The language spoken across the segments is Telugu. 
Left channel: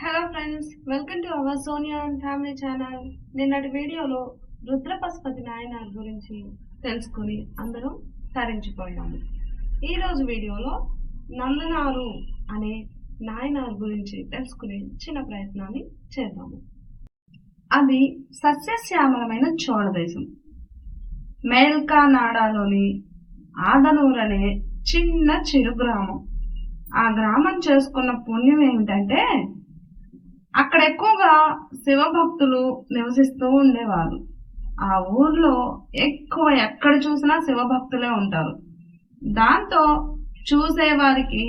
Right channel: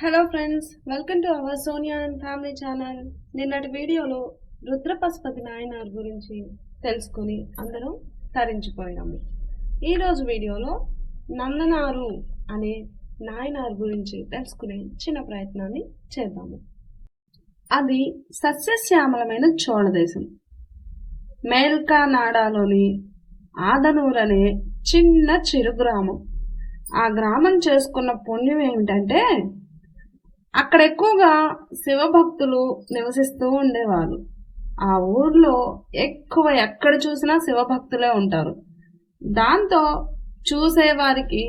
Hello friends, welcome to our Sonia and family channel. నిన్నటి వీడియోలో రుద్రపశుపతి నాయనార్ గురించి తెలుసుకుని అందరం తరించిపోయాము. ఈరోజు వీడియోలో నందనారు అనే నాయనార్ గురించి తెలుసుకునే చిన్న ప్రయత్నాన్ని చేద్దాము. అది సస్యశ్యామలమైన చోళ దేశం. మేల్కానాడాలోని ఆదనూర్ అనే చిన్న చిరు గ్రామం. ఆ గ్రామం చేసుకున్న పుణ్యం ఏమిటంటే అక్కడ ఎక్కువగా శివభక్తులు నివసిస్తూ ఉండేవారు. ఆ ఊర్లో ఎక్కడ చూసినా శివభక్తులే ఉంటారు. దాంతో చూసేవారికి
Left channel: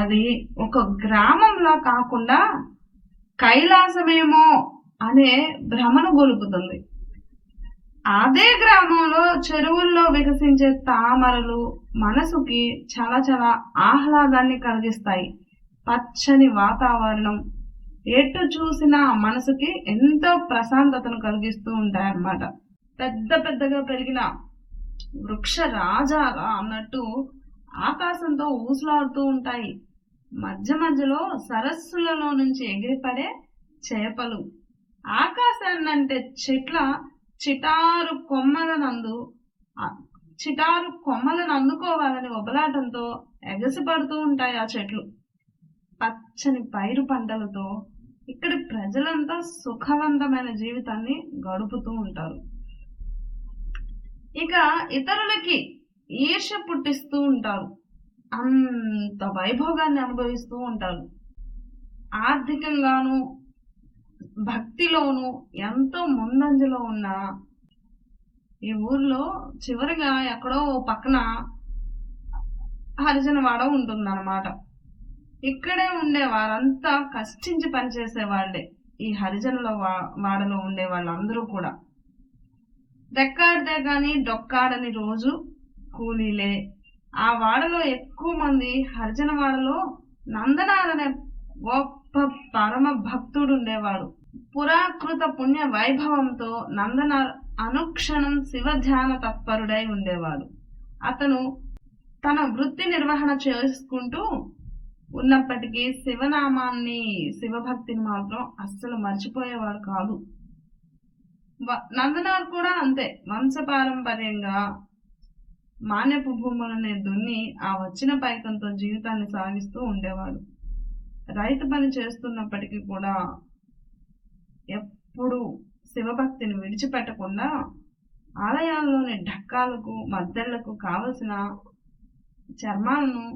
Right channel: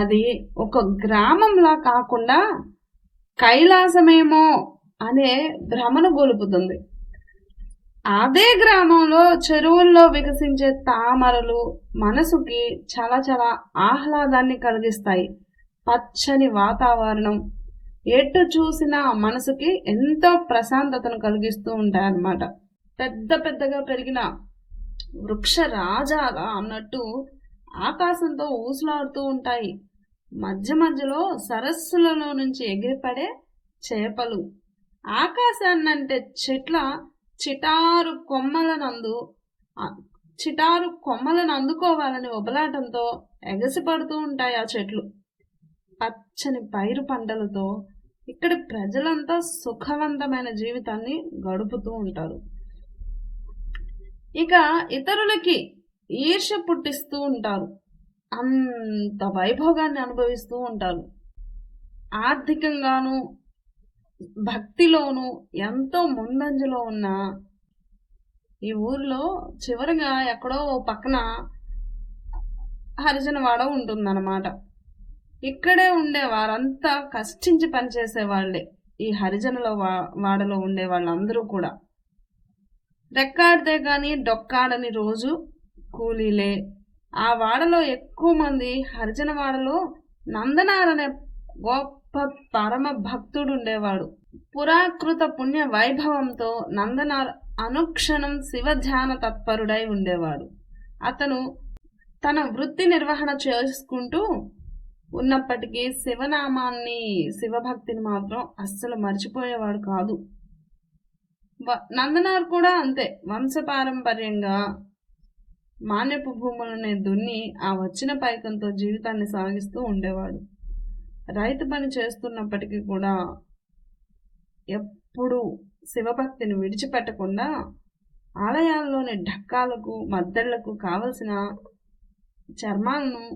అది ఒక గ్రామంలా కాకుండా కైలాసమేమో అనే భ్రమను గొలుపుతుంది. అదే గ్రామంలో చెరువుల్లో వికసించే తామరలు మనసుకి చాలా చాలా ఆహ్లాదాన్ని కలిగిస్తాయి. పచ్చని వాతావరణం ఎటు చూసినా మనసుకి ఎంతో ప్రశాంతతను కలిగిస్తూ ఉంటాయన్నమాట. పెద్ద పెద్దగా పెరిగిన వృక్ష రాజాగా అన్నట్టు ఆకాశంతో ఊసులాడుతూ ఉంటాయి. మధ్య మధ్యలో సరస్సులలో నుంచి ఎగిరిపడే చేపలు, ఆకాశాన్నంటే చెట్ల చిటారు కొమ్మలను అందుకోవాలని ఒబలాటంతో ఎగసిపడుతూ ఉంటాయి ఆ చెట్లు. పచ్చని పైరు పంటలతో ఇక్కడి ప్రజలంతా సుఖవంతమైన జీవితాన్ని గడుపుతూ ఉంటారు. ఇక ఇతరులకి ఈర్ష్య పుట్టిస్తూ ఉంటారు. అంత వైభోగాన్ని అనుభవిస్తూ ఉంటారు. ఆర్థికంగాను భక్తిలోను ఎంతో ముందంజలో ఉన్న ఈ ఊర్లో చివరిగా ఎక్కడో పక్కన హరిజనవాడ ఉంటుందన్నమాట. ఇక్కడే ఉండే వారంతా కష్టించి పనిచేసే వాళ్ళే. ఈ హరిజనుల వాడలో ఉండే వాళ్ళందరూ కూడా రెక్కాడితే కానీ డొక్కాడని రోజు కూలీలే. ఆ వాడలో ఎక్కువ మంది హరిజన వాడలో నందనార్ అనే గొప్ప పరమ భక్తుడు ఉండేవాడు. పురాకృత పుణ్య వైభవంతో నందనార్ అనుక్షణం శివ ధ్యాన తత్పరుడై ఉండేవాడు. అతను తన వృత్తి నిర్వహణ చేసుకుంటూ ఉన్నప్పటికీ శివనామాన్ని శివభక్తిని మాత్రం అస్సలు మర్చిపోయేవాడు కాదు. నందనార్ కూడా అంతే. వంశపారంపర్యంగా మాన్యపు భూములని దున్ని ఆ వచ్చిన పైకంతో జీవితాన్ని సాగిస్తూ ఉండేవాడు. రైతు పని చేస్తున్నప్పటికీ కూడా ఎప్పుడు శివభక్తిని విడిచిపెట్టకుండా ఆలయాల్లోని ఢక్కాలకు మద్దళ్లకు కావలసిన చర్మాలను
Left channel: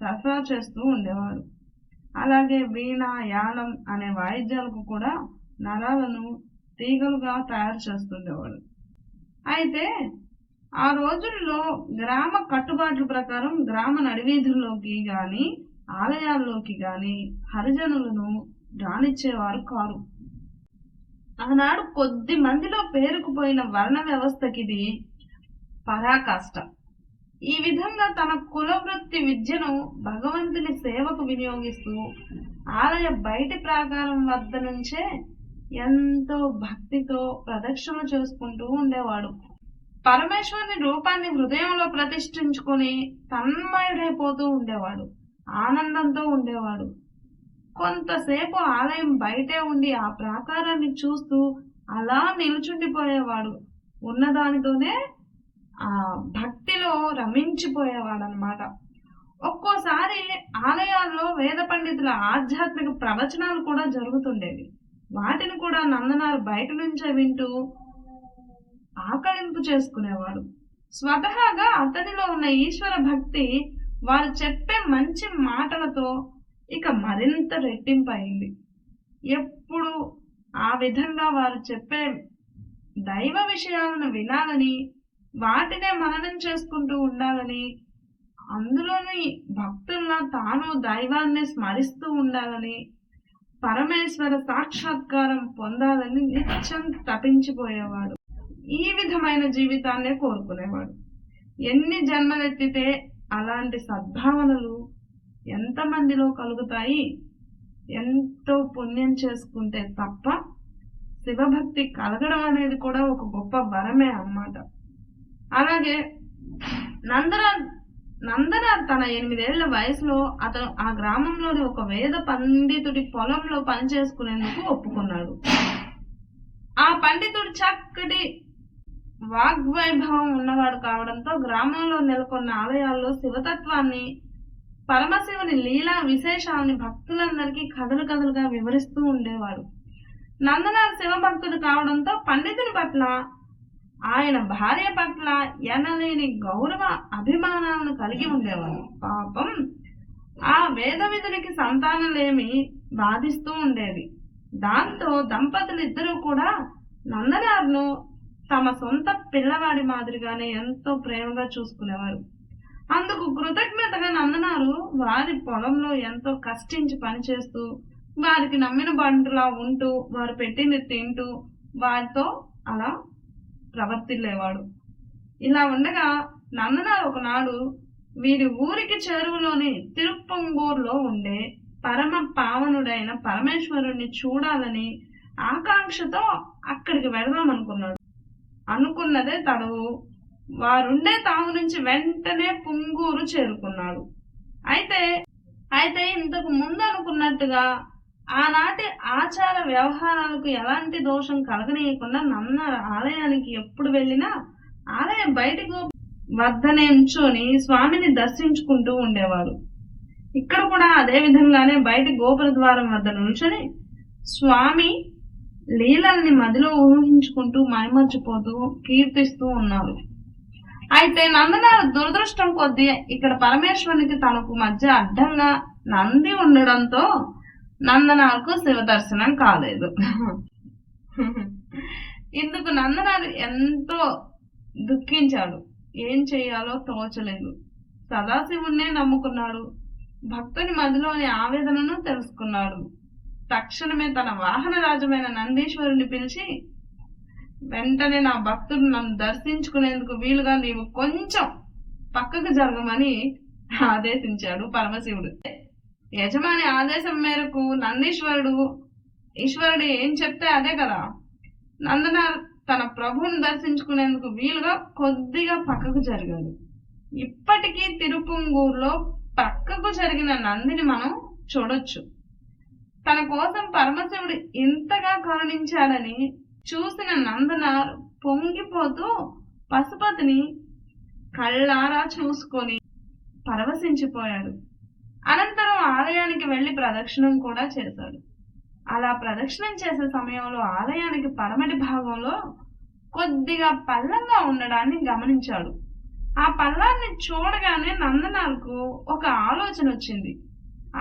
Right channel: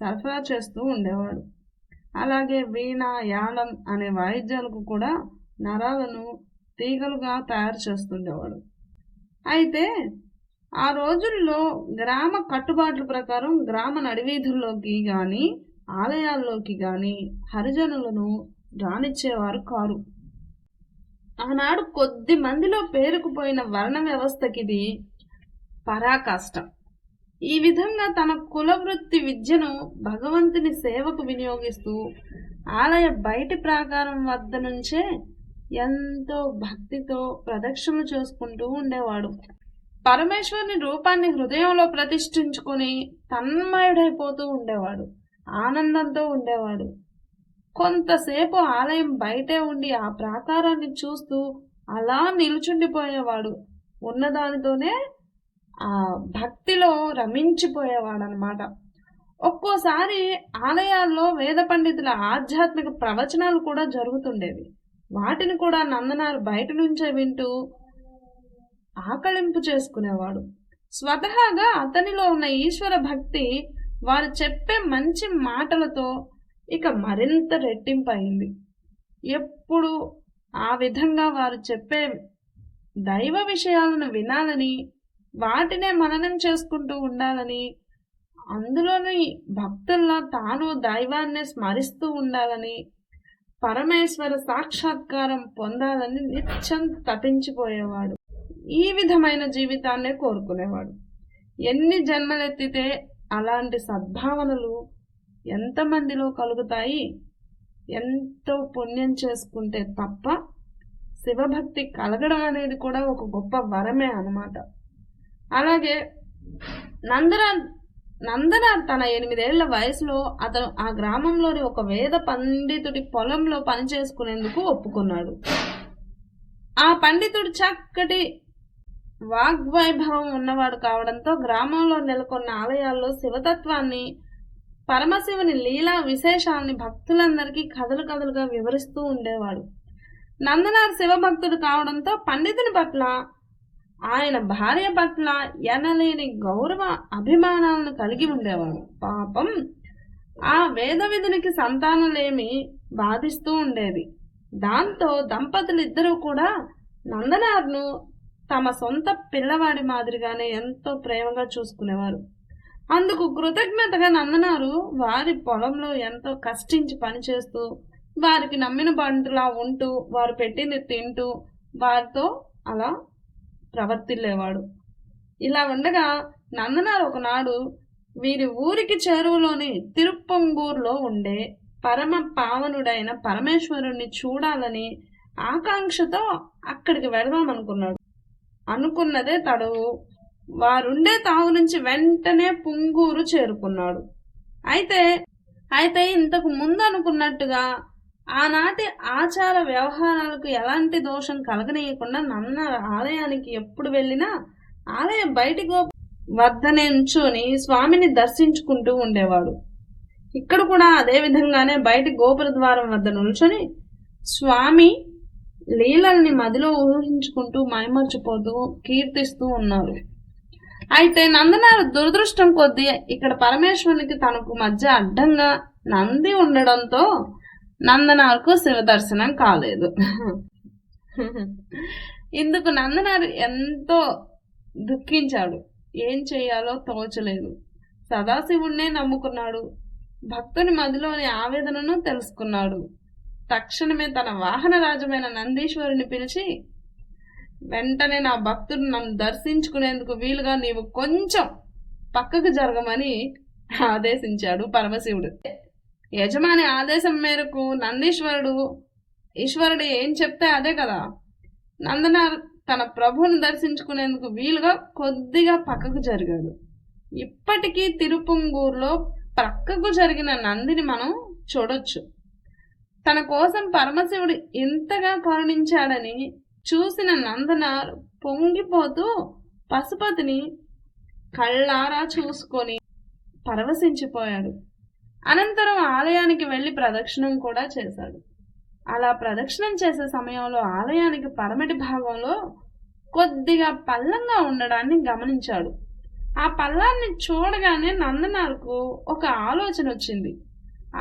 సరఫరా చేస్తూ ఉండేవాడు. అలాగే వీణ, యాళం అనే వాయిద్యాలకు కూడా నరాలను తీగలుగా తయారు చేస్తుండేవాడు. అయితే ఆ రోజుల్లో గ్రామ కట్టుబాట్ల ప్రకారం గ్రామ నడివీధుల్లోకి కానీ ఆలయాల్లోకి కానీ హరిజనులను రానిచ్చేవారు కారు. ఆనాడు కొద్ది మందిలో పేరుకుపోయిన వర్ణ వ్యవస్థకి ఇది పరాకాష్ట. ఈ విధంగా తన కులవృత్తి విద్యను భగవంతుని సేవకు వినియోగిస్తూ ఆలయ బయటి ప్రాకారం వద్ద నుంచే ఎంతో భక్తితో ప్రదక్షిణ చేసుకుంటూ ఉండేవాడు. పరమేశ్వరుని రూపాన్ని హృదయంలో ప్రతిష్ఠించుకుని తన్మయుడైపోతూ ఉండేవాడు. ఆనందంతో ఉండేవాడు. కొంతసేపు ఆలయం బయటే ఉండి ఆ ప్రాకారాన్ని చూస్తూ అలా నిలుచుండిపోయేవాడు. ఉన్నదానితోనే ఆ భక్తిలో రమించిపోయేవాడు అనమాట. ఒక్కోసారి ఆలయాల్లో వేద పండితుల ఆధ్యాత్మిక ప్రవచనాలు కూడా జరుగుతుండేవి. వాటిని కూడా నందనార్ బయట నుంచే వింటూ ఆకళింపు చేసుకునేవాడు. స్వతహాగా అతనిలో ఉన్న ఈశ్వర భక్తి వారు చెప్పే మంచి మాటలతో ఇక మరింత రెట్టింపయింది. ఎప్పుడు ఆ విధంగా వారు చెప్పే దైవ విషయాలను వినాలని, వాటినే మననం చేసుకుంటూ ఉండాలని, అందులోని భక్తుల్లా తాను దైవాన్ని స్మరిస్తూ ఉండాలని, పరమేశ్వర సాక్షాత్కారం పొందాలని నిత్యం తపించిపోయేవాడు. ఈ విధమైన జీవితాన్నే కోరుకునేవాడు. ఎన్ని జన్మలెత్తితే అలాంటి సద్భావనలు ఎంతమందిలో కలుగుతాయి? ఎంతో పుణ్యం చేసుకుంటే తప్ప శివభక్తి కలగడం అనేది కూడా ఒక గొప్ప వరమే అన్నమాట. అలాగే నందనార్ తన 8 ఏళ్ల వయసులో అతను ఆ గ్రామంలోని ఒక వేద పండితుడి పొలంలో పనిచేసుకునేందుకు ఒప్పుకున్నాడు. ఆ పండితుడు చక్కటి వాగ్వైభవం ఉన్నవాడు కావడంతో గ్రామంలో నెలకొన్న ఆలయాల్లో శివతత్వాన్ని, పరమశివుని లీలా విశేషాలని భక్తులందరికీ కథలుగా వివరిస్తూ ఉండేవాడు. నందనార్ శివభక్తుడు కావడంతో పండితుని పట్ల, ఆయన భార్య పట్ల ఎనలేని గౌరవ అభిమానాలను కలిగి ఉండేవాడు. పాపం ఆ వేద విధునికి సంతానలేమి బాధిస్తూ ఉండేది. దాంతో దంపతులిద్దరూ కూడా నందనార్ను తమ సొంత పిల్లవాడి మాదిరిగానే ఎంతో ప్రేమగా చూసుకునేవారు. అందుకు కృతజ్ఞతగా నందనారు వారి పొలంలో ఎంతో కష్టించి పనిచేస్తూ, వారికి నమ్మిన బంటులా ఉంటూ, వారు పెట్టింది తింటూ, వారితో అలా ప్రవర్తిల్లేవాడు. ఇలా ఉండగా నందనార్ ఒకనాడు వీరి ఊరికి చెరువులోని తిరుప్పంగూరులో ఉండే పరమ పావనుడైన పరమేశ్వరుణ్ణి చూడాలని ఆకాంక్షతో అక్కడికి వెళదామనుకున్నాడు. అనుకున్నదే తడవు. వారుండే తావు నుంచి వెంటనే పుంగూరు చేరుకున్నాడు. అయితే ఇంతకు ముందు అనుకున్నట్టుగా ఆనాటి ఆచార వ్యవహారాలకు ఎలాంటి దోషం కలగనీయకుండా నందనార్ ఆలయానికి ఎప్పుడు వెళ్ళినా ఆలయం బయటి వద్ద నించుని స్వామిని దర్శించుకుంటూ ఉండేవాడు. ఇక్కడ కూడా అదే విధంగానే బయటి గోపుర ద్వారం వద్ద నిల్చొని స్వామి లీలల్ని మదిలో ఊహించుకుంటూ మైమర్చిపోతూ కీర్తిస్తూ ఉన్నారు. అయితే నందనార్ దురదృష్టం కొద్దీ ఇక్కడ పరమేశ్వరునికి తనకు మధ్య అడ్డంగా నంది ఉండడంతో నందనార్కు శివ దర్శనం కాలేదు. ఇందుకు నందనార్ ఎంతో దుఃఖించాడు. ఏం చేయాలో తోచలేదు. సదాశివుణ్ణే నమ్ముకున్నాడు. భక్తుని మదిలోని ఆవేదనను తెలుసుకున్నాడు. తక్షణమే తన వాహన రాజమైన నందీశ్వరుని పిలిచి, వెంటనే నా భక్తుడు నన్ను దర్శించుకునేందుకు వీలుగా నీవు కొంచెం పక్కకు జరగమని ఆదేశించాడు పరమశివుడు. యజమాని ఆదేశం మేరకు ఈశ్వరుడు ఏం చెప్తే అదే కదా. నందనార్ తన ప్రభువును దర్శించుకునేందుకు వీలుగా కొద్దిగా పక్కకు జరిగాడు. ఇప్పటికీ తిరుపుంగూరులో పక్కకు జరిగిన నందిని మనం చూడొచ్చు. తన కోసం పరమశివుడు ఇంతగా కరుణించాడని చూసిన నందనార్ పొంగిపోతూ పశుపతిని కళ్ళారా చూసుకొని పరవశించిపోయాడు. అనంతరం ఆలయానికి వెళ్ళి ప్రదక్షిణం కూడా చేశాడు. అలా ప్రదక్షిణం చేసే సమయంలో ఆలయానికి పరమటి భాగంలో కొద్దిగా పల్లంగా ఉండడాన్ని గమనించాడు. ఆ పల్లాన్ని చూడగానే నందనార్కు ఒక ఆలోచన వచ్చింది.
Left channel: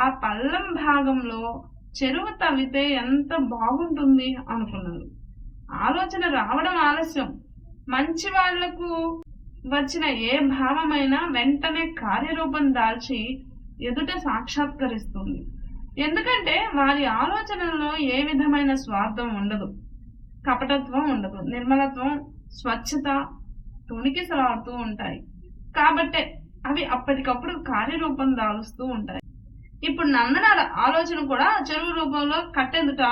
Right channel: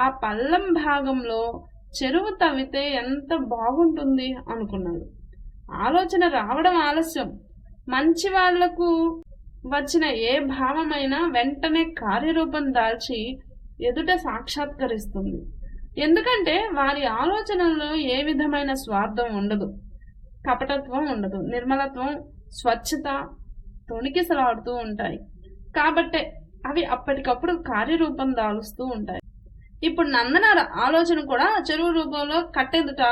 ఆ పల్లం భాగంలో చెరువు తవ్వితే ఎంత బాగుంటుంది అనుకున్నాడు. ఆలోచన రావడం ఆలస్యం. మంచి వాళ్లకు వచ్చిన ఏ భావమైనా వెంటనే కార్యరూపం దాల్చి ఎదుట సాక్షాత్కరిస్తుంది. ఎందుకంటే వారి ఆలోచనల్లో ఏ విధమైన స్వార్థం ఉండదు, కపటత్వం ఉండదు, నిర్మలత్వం, స్వచ్ఛత తొణికిసలాడుతూ ఉంటాయి. కాబట్టే అవి అప్పటికప్పుడు కార్యరూపం దాలుస్తూ ఉంటాయి. ఇప్పుడు నందనార్ ఆలోచన కూడా చెరువు రూపంలో కట్టెదుట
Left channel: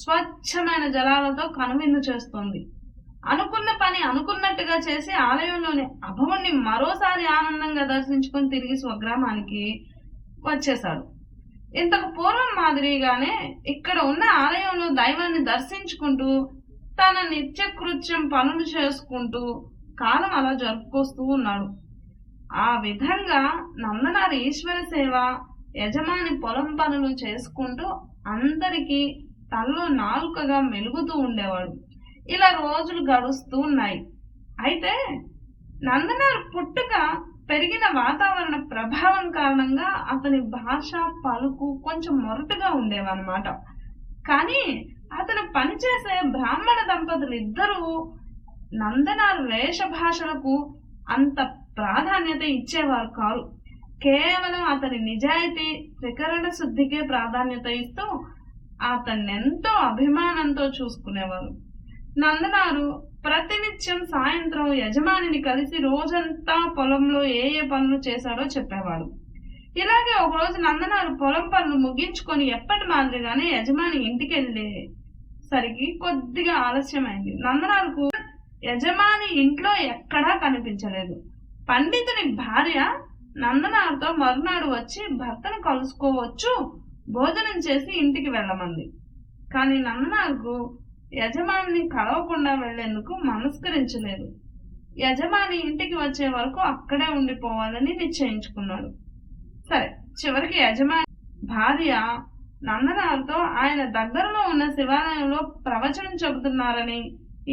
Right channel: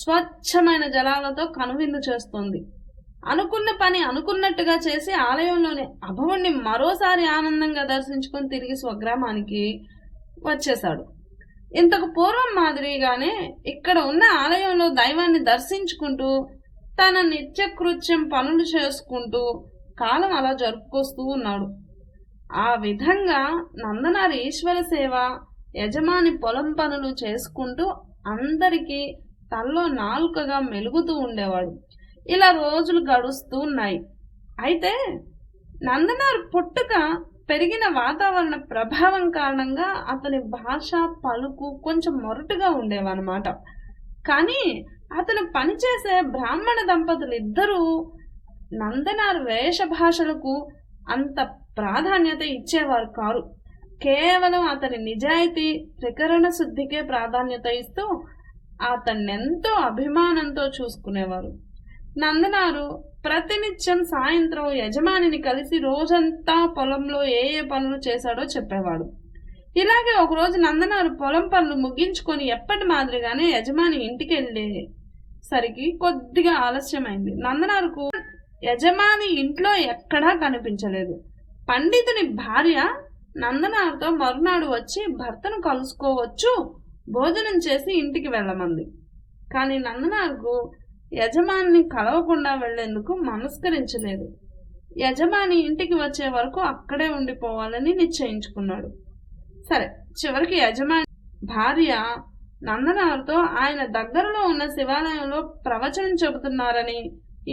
స్వచ్ఛమైన జలాలతో కనువిందు చేస్తుంది. అనుకున్న పని అనుకున్నట్టుగా చేసి ఆలయంలోని అభవుణ్ణి మరోసారి ఆనందంగా దర్శించుకొని తిరిగి స్వగ్రామానికి వచ్చేశాడు. ఇంతకు పూర్వం మాదిరిగానే ఇక్కడ ఉన్న ఆలయంలో దైవాన్ని దర్శించుకుంటూ తన నిత్యకృత్యం పనులు చేసుకుంటూ కాలం అలా జరుపుకొస్తూ ఉన్నాడు. ఆ విధంగా నందనార్ ఈశ్వర సేవ, యజమాని పొలం పనులు చేసుకుంటూ అందరికీ తనలో నాలుకగా మెలుగుతూ ఉండేవాడు. ఇలా రోజులు గడుస్తూ ఉన్నాయి. అయితే నందనార్ పుట్టుక, పెరిగిన వాతావరణ ప్రభావం కారణంగా అతని భాష, పలుకు కొంచెం మొరటుగా ఉండేవన్నమాట. కానీ అతను పనిచేసే బ్రాహ్మణ దంపతులు ఇద్దరూ నందనార్ వేష భాషలకు అంత ప్రాధాన్యత ఇచ్చేవారు కారు. కేవలం అతని నిజాయితీ, త్రికరణ శుద్ధికే ప్రాధాన్యత ఇస్తూ అతన్నెంతో అభిమానంతో చూసుకునేవారు. నందనారు ప్రతినిత్యం సాయంత్రం యజమానిని కలిసి రోజంతా పొలంలో ఏ పనులు చేశాడో చెప్పేవాడు. ఇలాగే ఒకరోజు నందనారు పొలం పనులు ముగించుకొని ఎప్పటి మాదిరిగానే యజమాని ఇంటికి వెళ్ళేసరికి కొద్దిగా ఆలస్యమైంది. నందనారుకు యజమాని ఇంట్లో ఎక్కడా కనిపించలేదు. పండితుని భార్య నందనార్తో మరునాడు వచ్చి భర్తను కలుసుకోవచ్చు, భోజనం చేసి ఇంటికి వెళ్ళమంది. కానీ నందనార్కు యజమాని కలవకుండా వెళ్లేందుకు మనస్కరించలేదు. యజమాని ఇంటికి వచ్చే వరకు అక్కడే ఉండిపోవాలని నిశ్చయించుకున్నాడు. సరే, చివరికి యజమాని భార్య నందనార్తో ఆయన దగ్గరలో ఉన్న శివాలయంలో ప్రవచనం చెబుతున్నారని,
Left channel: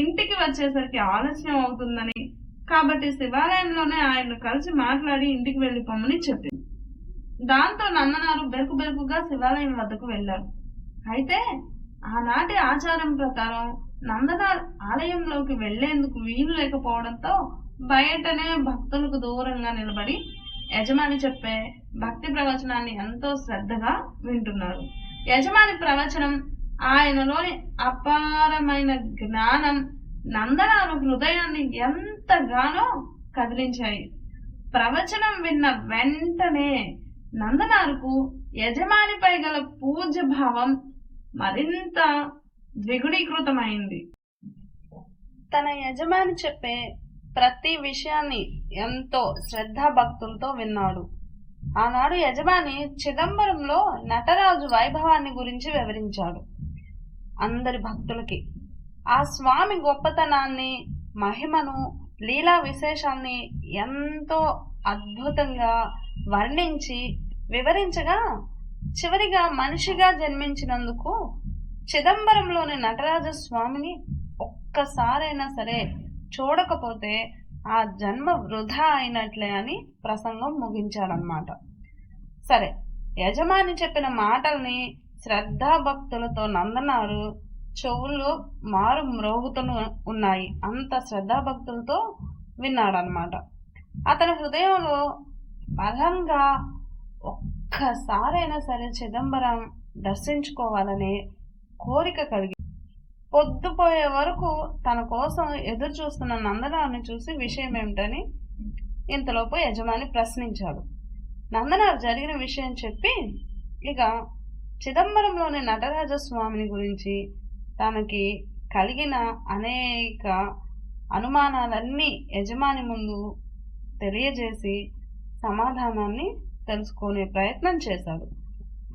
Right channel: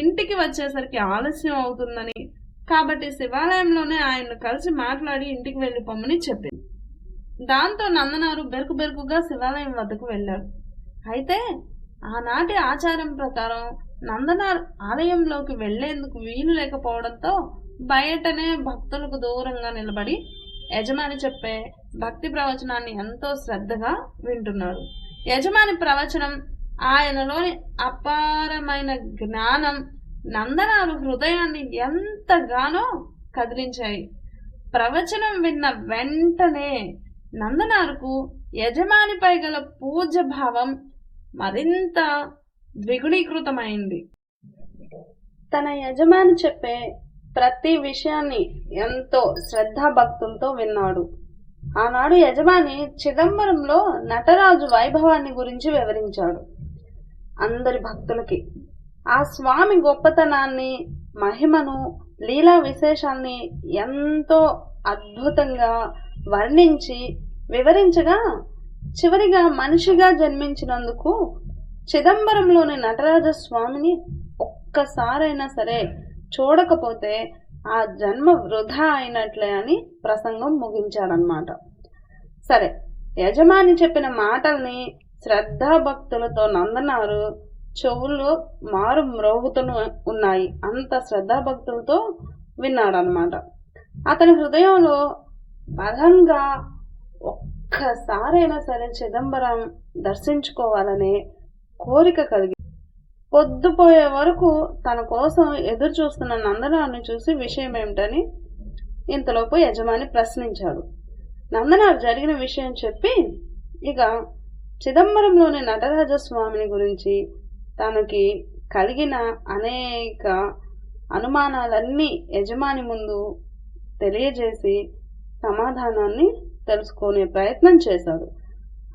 ఇంటికి వచ్చేసరికి ఆలస్యం అవుతుందని, కాబట్టి శివాలయంలోనే ఆయన్ను కలిసి మాట్లాడి ఇంటికి వెళ్ళిపోమని చెప్పింది. దాంతో నందనారు బెరుకుగా శివాలయం వద్దకు వెళ్ళాడు. అయితే ఆనాటి ఆచారం ప్రకారం నందనార్ ఆలయంలోకి వెళ్లేందుకు వీలు లేకపోవడంతో బయటనే భక్తులకు దూరంగా నిలబడి యజమాని చెప్పే భక్తి ప్రవచనాన్ని ఎంతో శ్రద్ధగా వింటున్నాడు. యజమాని ప్రవచనం, ఆయనలోని అపారమైన జ్ఞానం నందనారు హృదయాన్ని ఎంతగానో కదిలించాయి. ప్రవచనం విన్న వెంటనే నందనారుకు యజమానిపై గల పూజ్య భావం మరింత ద్విగుణీకృతమైంది. తన యజమాని చెప్పే ప్రతి విషయాన్ని ఎంతో శ్రద్ధాభక్తులతో విన్నాడు. ఆనాడు యజమాని చిదంబరంలో నటరాజు వైభవాన్ని గురించి వివరించాడు అందరి భక్తులకి. ఆ స్వామి గొప్పతనాన్ని, మహిమను, లీలా విశేషాన్ని ఎంతో అద్భుతంగా వర్ణించి వివరించగా, చివరిగా మనిషిగా జన్మించినందుకు చిదంబరంలోని నటరాజ స్వామిని ఒక్కసారైనా సరే చూడకపోతే ఆ జన్మ వృధా అయినట్లే అని ప్రసంగం ముగించాడనమాట. సరే, యజమాని చెప్పిన మాటల్ని శ్రద్ధాభక్తులతో నందనారు చెవులు మారు మ్రోగుతూ ఉన్నాయి. అంత శ్రద్ధాభక్తులతో విన్నాడనమాట. అతని హృదయంలో బలంగా ఒక్కసారైనా సరే చిదంబరం దర్శించుకోవాలనే కోరిక కలిగి పొద్దుపోయే వరకు తన కోసం ఎదురు చూస్తున్న నందనారుని చూసి విషయం ఏమిటని ఇంతలోపు యజమాని ప్రశ్నించాడు. నందనారు జరిగిన విషయం చెప్పి ఇక చిదంబరంలోని నటరాజస్వామిని గురించి తనకి కలిగిన అనేక అనుమానాలన్నీ యజమాని ముందు తెలియజేసి సమాధానాన్ని తెలుసుకునే ప్రయత్నం చేశాడు.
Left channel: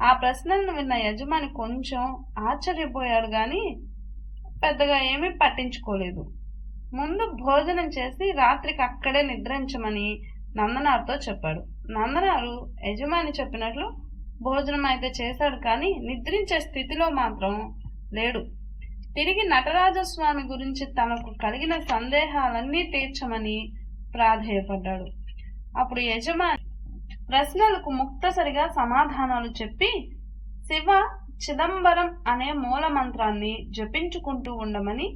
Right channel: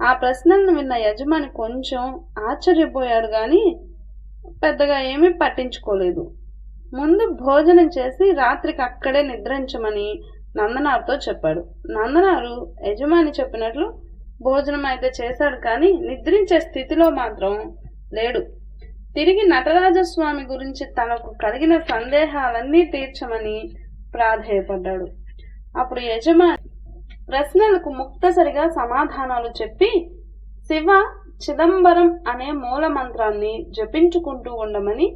ఆ ప్రశ్నలను విన్న యజమాని కొంచెం ఆశ్చర్యపోయాడు, కానీ పెద్దగా ఏమీ పట్టించుకోలేదు. ముందు భోజనం చేసి రాత్రికి అక్కడే నిద్రించమని నందనారుతో చెప్పాడు. నందనారు యజమాని చెప్పినట్లు భోజనం అయితే చేశాడు, కానీ నిద్రించే స్థితిలో మాత్రం లేడు. తిరిగి నటరాజస్వామి గురించి తనకు కలిగిన సందేహాలన్నీ తీర్చమని ప్రాధేయపడ్డాడు. అప్పుడు యజమాని ప్రశ్నలకు ముక్తసరిగా సమాధానాలు చెప్పి శివ చిదంబరం అనే మూల మంత్రాన్ని జపించుకుంటూ ఉండమని,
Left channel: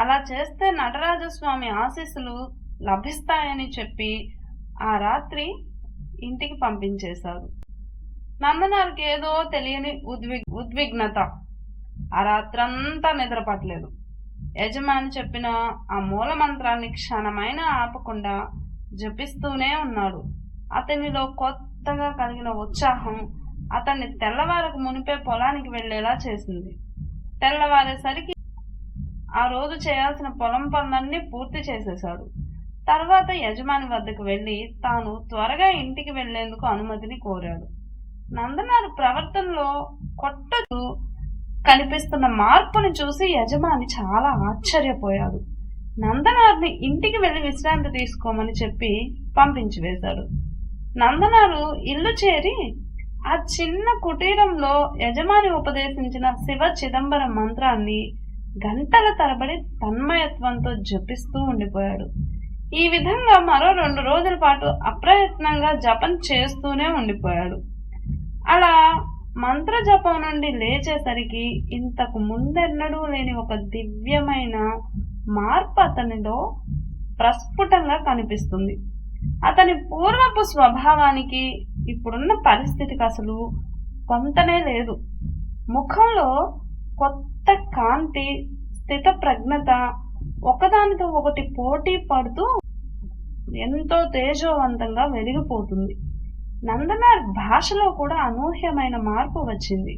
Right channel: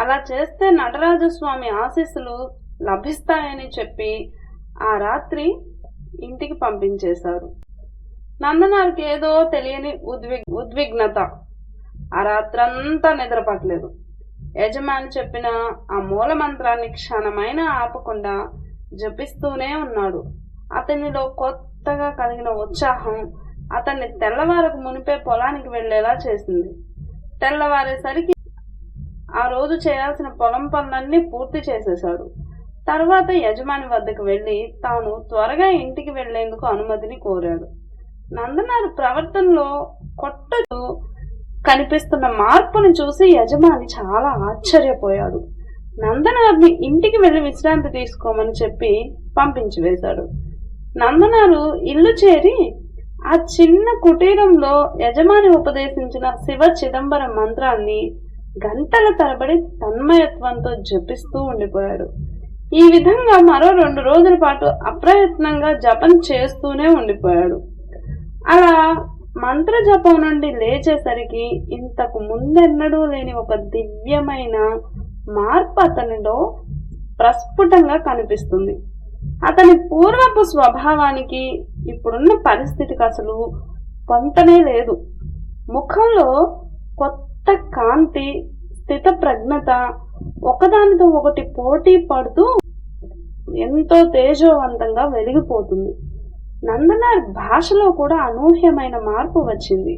అలా చేస్తే నటరాజస్వామి ఆశీస్సులు లభిస్తాయని చెప్పి ఆ రాత్రి ఇంటికి పంపించేశారు. నందనారుకి ఏదో తెలియని ఉద్విగ్నత. ఆ రాత్రంతా నిద్రపట్టలేదు. యజమాని చెప్పిన ఆ మూల మంత్రాన్ని క్షణమైనా ఆపకుండా జపిస్తూనే ఉన్నాడు. అతనిలో కొత్తగా కలిగిన ఉత్సాహం అతన్ని తెల్లవారకు మునిపే పొలానికి వెళ్లేలా చేసింది. తెల్లవారేసరికి ఆ రోజు చేయాల్సిన పొలం పనులన్నీ పూర్తి చేసేశాడు. తర్వాత యజమాని వద్దకు వెళ్లి తాను త్వరగా ఇంటికి వెళ్లేందుకు అనుమతిని కోరాడు. నందనారు ప్రవర్తనలో కొత్తగా కనిపిస్తున్న మార్పుని చూసి యజమాని చాలా ఆశ్చర్యపోయాడు. నందనారుని ఇంటికి వెళ్లి విశ్రాంతి తీసుకోమని చెప్పి పంపించి వేశాడు. నందనారు ఇల్లు చేరి ఆ చిన్న కుటీరంలో యజమాని ఉపదేశించిన శివ చిదంబరం మంత్రాన్ని గంటల తరబడి తన్మయత్వంతో జపిస్తూ ఉండిపోయాడు. ఈ విధంగా మరో 2 రోజుల పాటు అప్రయత్నంగా జపం చేస్తూనే ఉండిపోయాడు. అలా మంత్ర జపం నుండి లేచేసరికి ఇంతకు ముందెన్నడూ లేని ఒక దివ్యమైన మార్పు అతనిలో ప్రస్ఫుటంగా కనిపిస్తుంది. అతని పూర్వపు స్వభావానికి ఇప్పుడున్న పరిస్థితికి అసలు కొంతనే లేదు. ముఖంలో కొత్త కాంతి, స్థిత ప్రజ్ఞత ఒకదానితో ఒకటి పోటీ పడుతూ ఎంతో తేజోవంతంగా వెలిగిపోతుంది. నందనార్ భాషలో కూడా అనూహ్యమైన మార్పు వచ్చింది.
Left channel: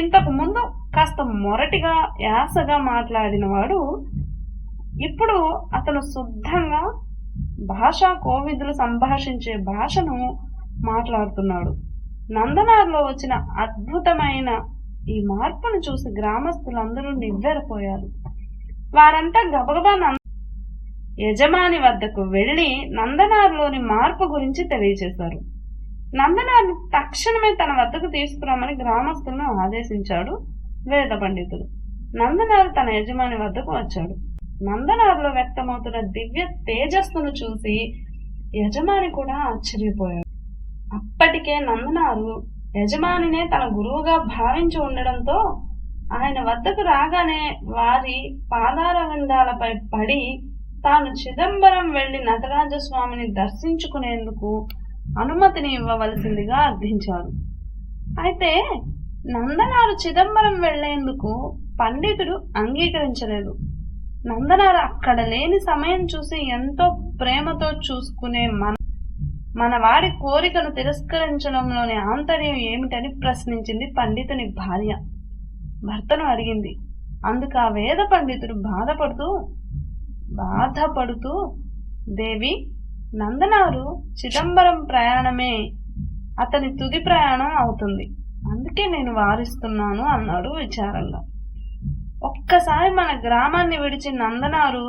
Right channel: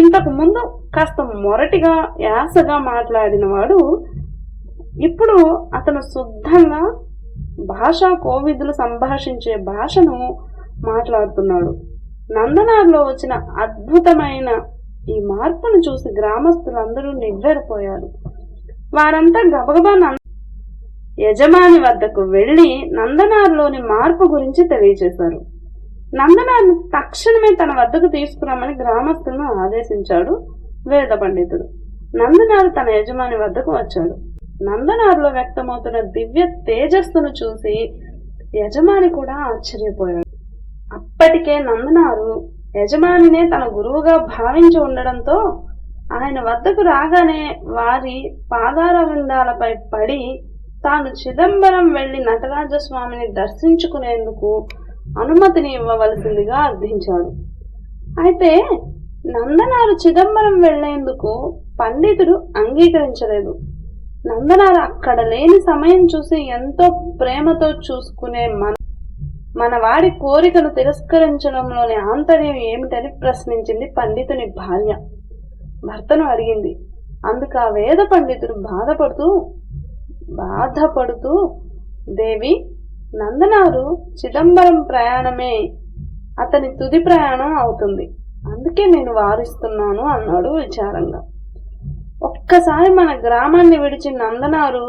ఇంతకు ముందు కాస్త మొరటిగా యాసగా మాట్లాడిన వాడు ఇప్పుడు అతను శుద్ధంగా భాషా కోవిదులు సంభాషించే భాషను మాట్లాడుతున్నాడు. నందనార్లో వచ్చిన అద్భుతమైన ఈ మార్పును చూసి గ్రామస్తులందరూ నివ్వెరపోయారు. వారంతా గబగబా యజమాని వద్దకు వెళ్లి నందనార్లోని మార్పు గురించి తెలియజేశారు. నందనార్ను తక్షణమే తన వద్దకు తీసుకురామని గ్రామస్తులను ఆదేశించాడు వేద పండితుడు. నందనారు తన యజమాని వద్దకు వచ్చాడు. నందనారులో వ్యక్తమవుతున్న దివ్య తేజస్సును చూసి యజమాని కూడా ఆశ్చర్యపోయాడు. అప్పటికే నందనారు యజమానినే తన గురువుగా భావించి ఉండడంతో ఆయన వద్దకు రాగానే వారి పాదారవిందాలపై పడి తాను చిదంబరం వెళ్లి నటరాజస్వామిని దర్శించుకునేందుకు అనుమతిని ఇవ్వవలసిందిగా అర్థించాడు. అయితే నందనారు చిదంబరం వెళ్లేందుకు పండితుడు అంగీకరించలేదు. నందనారు అక్కడ లేని సమయం చూసి ఎంతో ప్రేమతో చూసుకునే మన వాడి కోరికను తిరస్కరించడంలోని ఆంతర్యం ఏమిటని ప్రశ్నించింది పండితుని భార్య. భర్తను అడిగింది. అందుకు ఆ వేద పండితుడు బాధపడుతూ దేవి, నందనారు చిదంబరం ప్రయాణమే అతని తుది ప్రయాణం అవుతుంది, అందుకే నేను వారిస్తున్నాను అన్నాడు విచారంగా. ఒక్కసారి మన గ్రామాన్ని విడిచి నందనారు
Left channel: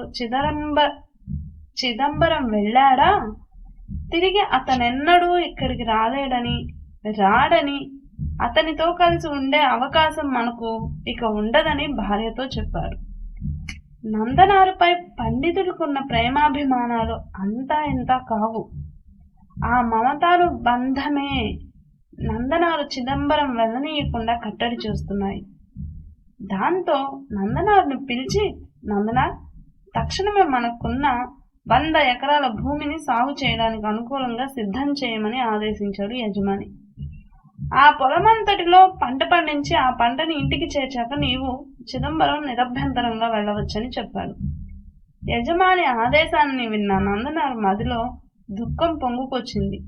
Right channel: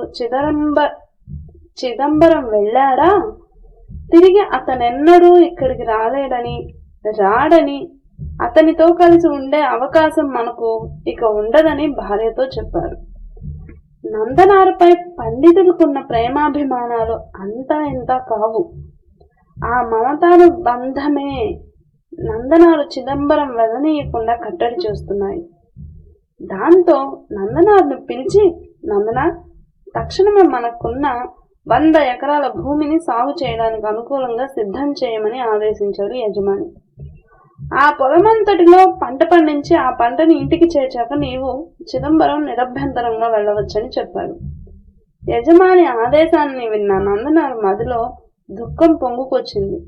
చిదంబరం వెళ్ళాడా? తిరిగి అతనెన్నడూ ఇక్కడికి రాడని అతనితో కలిసి ఉండే అవకాశం మనకు ఇక ఉండదని భార్యతో చెప్పాడు. నందనారుపై పండితుడికున్న ప్రేమాభిమానాలు అంతా ఇంతా కావు. ఆ మమతాను బంధమే నందనారు చిదంబరం వెళ్ళనీయకుండా కట్టడి చేస్తున్నాయి. దాంతో నందనారుని పిలిచి, నందనార్, తక్షణమే మనకున్న 100 ఎకరాల భూమిని సాగు చేయడానికి అనుకూలంగా సిద్ధం చేయమని ఆదేశించాడు యజమాని. ఆ పొలమంతటిలో పంట పండించి ఆ పంటని ఇంటికి చేర్చాక నీవు చిదంబరం నిరభ్యంతరంగా వెళ్ళవచ్చని చెప్పాడు. యజమాని ఆదేశాన్ని విన్న నందనారు మదిలో దుఃఖం పొంగుకొచ్చింది.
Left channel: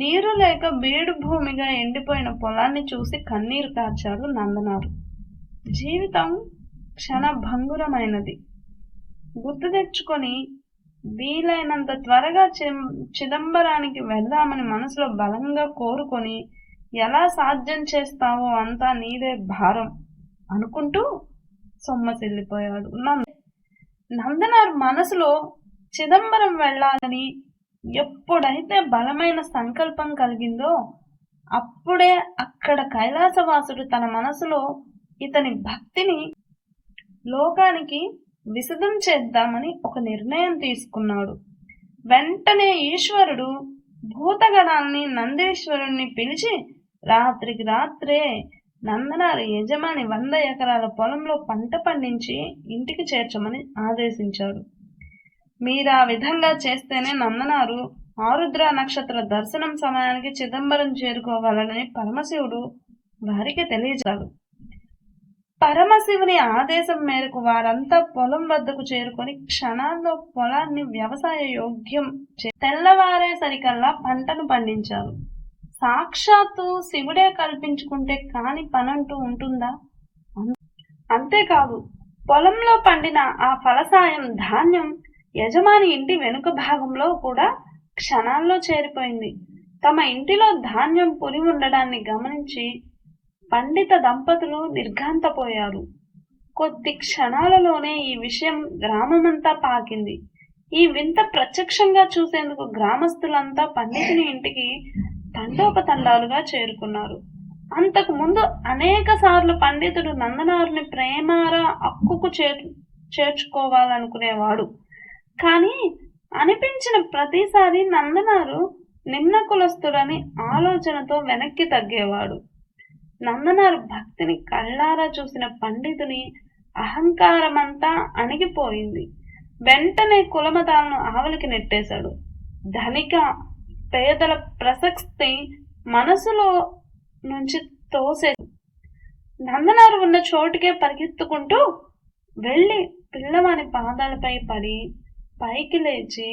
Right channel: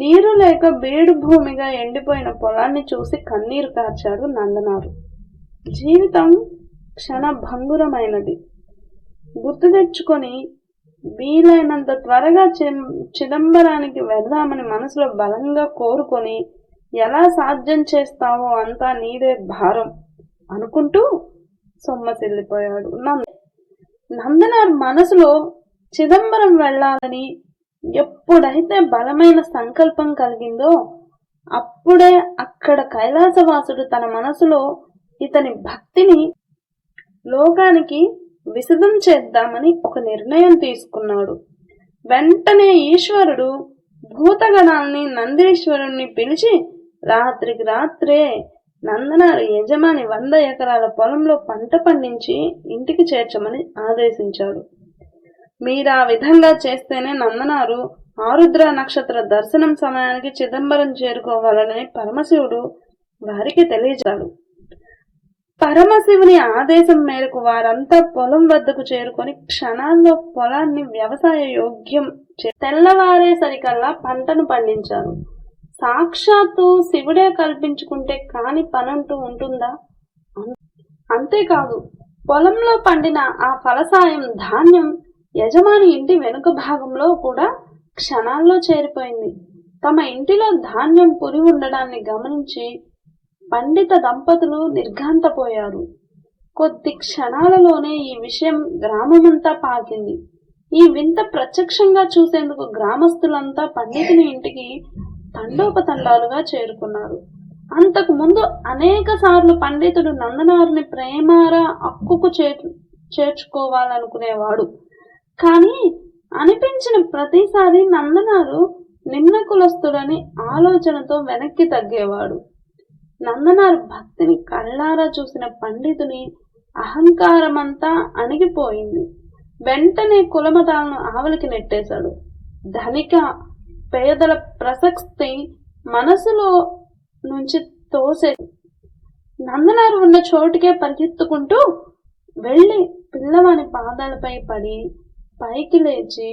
నీరు లేక బీడు భూమిగా ఎండిపోయిన పొలాన్ని చూసి కన్నీరు కార్చాడు నందనారు. జీవితం క్షణభంగురమైనది. గుర్తు తెచ్చుకొని వీలైనంత త్వరగా చిదంబరానికి వెళదామని మనసులో బలంగా కోరుకొని ఎలా సాధ్యం చేస్తావో అంతా నీదే భారం అనుకుంటూ సొమ్మసిల్లిపోయాడు. నందనారు మనసులో చిదంబరం వెళ్ళాలని ఎప్పుడైతే బలమైన సంకల్పం కలిగిందో అప్పుడే అక్కడ కైలాసవాసుడు తన మనసులో ఇతని భక్తిని లోకానికి విశదం చేద్దామని ఒక నిర్ణయం తీసుకున్నాడు. వెంటనే ఈశ్వరుడు భూతగణాల్ని నందీశ్వరుణ్ణి పిలిచి రాత్రికి రాత్రే నందనారు యజమాని 100 ఎకరాల పొలంలో పంట పండించి ఇంటికి చేర్చమని ఆదేశించాడు. మీరు ఆ విధంగా చేస్తేనే నందనారు ఆరుద్ర నక్షత్ర దర్శనం సమయానికి చిదంబరం చేరుకోగలనని పరమశివుడు వారికి తెలియజేశాడు. పరమశివుని ఆదేశం మేరకు వారంతా పొలం వద్దకు చేరుకొని క్షణాల్లో పొలాన్ని వ్యవసాయ యోగ్యం తెల్లవారేసరికల్లా పంటను పండించారు. సాక్షాత్తు శివుడే కల్పించుకుంటే కాని పనంటూ ఉంటుందా? అంతేకాదు, పొలంలో పండిన ఆ ఫలసాయం ధాన్యం యజమాని ఇంటి వెనుక భాగంలో కూడా క్షణాల్లో చేరిపోయింది. తమ ఇంటిలో ధాన్యం పురి ఉండడాన్ని గమనించి పండిత దంపతులు నిర్ఘాంతపోయారు. కొద్ది క్షణాలలోనే ఈ విషయం గ్రామమంతా పాకింది. ఈ వింత ప్రత్యక్షంగా చూసేందుకు గ్రామస్తులంతా పండితుని ఇంటికి తండోపతండాలుగా చేరుకున్నారు. అంతకు ముందు అనేక సార్లు పండితుడు నందనారుని ప్రేమారా అక్కుకు చేర్చుకోవాలనుకునేవాడు. కానీ అనిపించిన ప్రతిసారి నందనారు నిమ్న కులస్తుడని ఆలోచనతో వెనక్కి తగ్గేవాడు. నందనారు భక్తిని కళ్ళారా చూసిన పండితుని అహంకారమంతా అణిగిపోయింది. వెంటనే కులమతాలను ఆవలికి నెట్టేశాడు. ధనిక పేదల ప్రసక్తి మనసులో నుంచి తోసే నందనారు ఉన్న చోటుకే పరిగెత్తుకుంటూ వెళ్ళి పిల్లవాని పాదాలపై పడి పైకి లేచి